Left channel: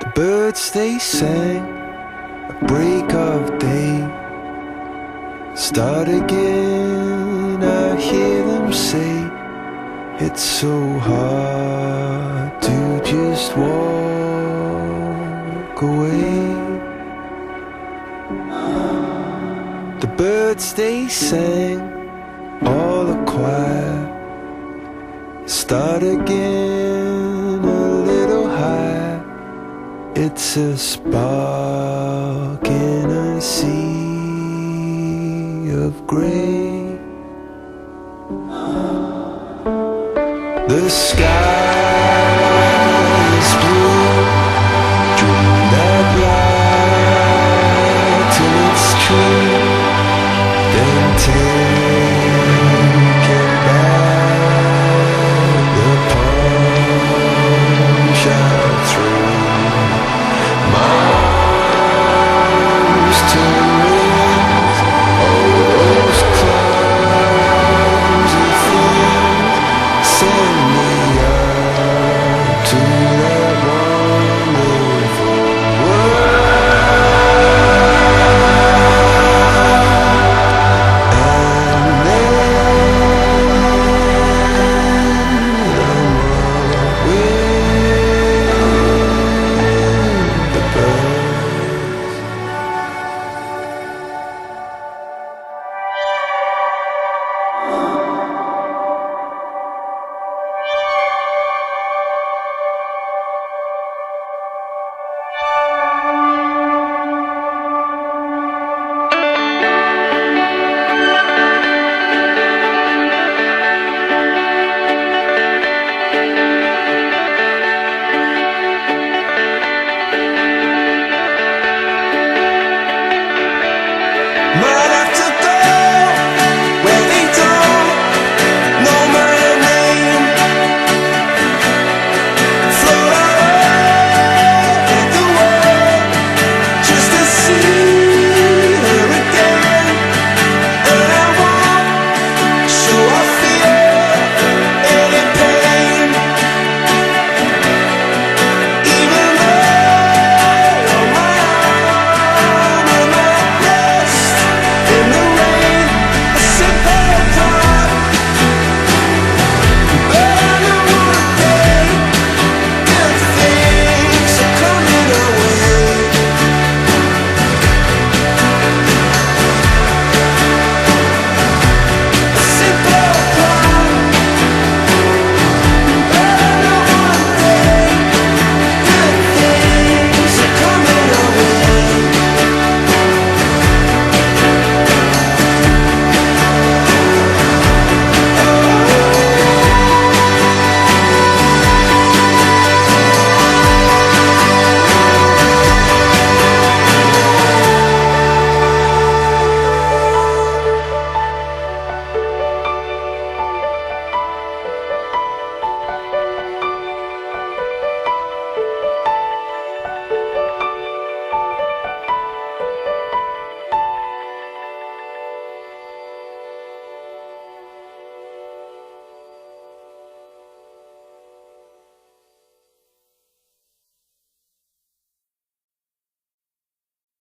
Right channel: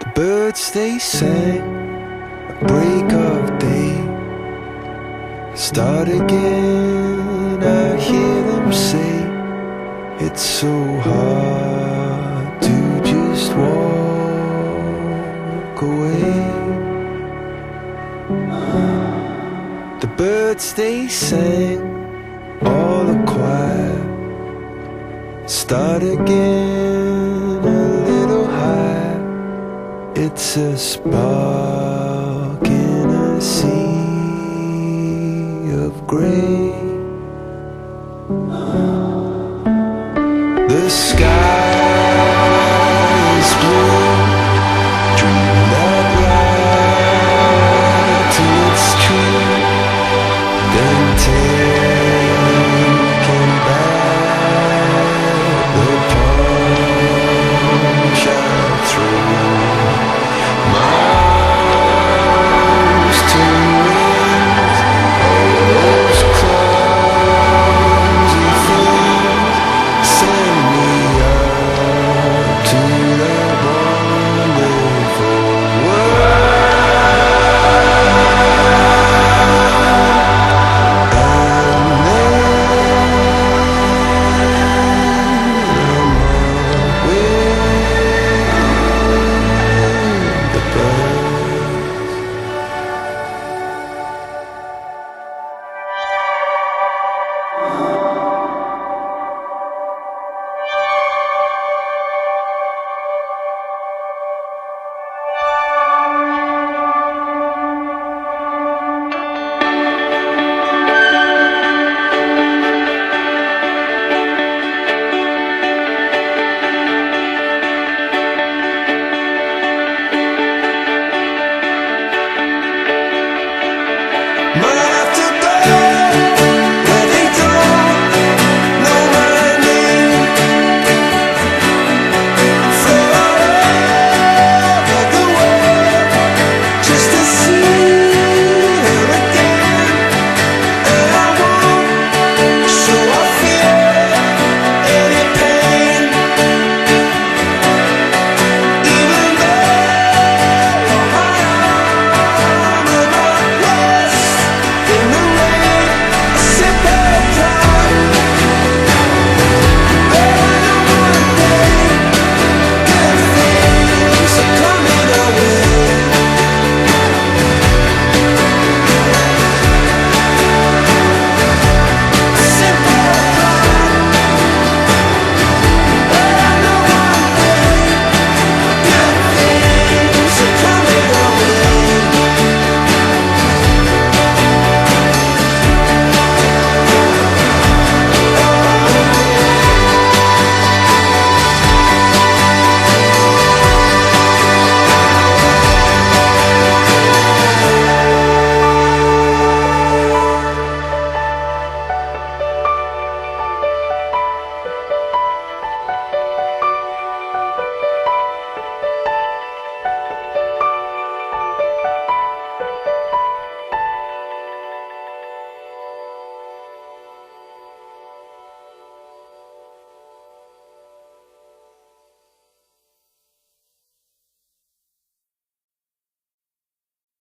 The birds they sang at break of day. Start again, I hear them say, it's so hard to just walk away. The birds they sang, all the choir. Start again, a little higher. It's a spark in a sea of grey. The sky is blue. Dream that light till it's true. Then take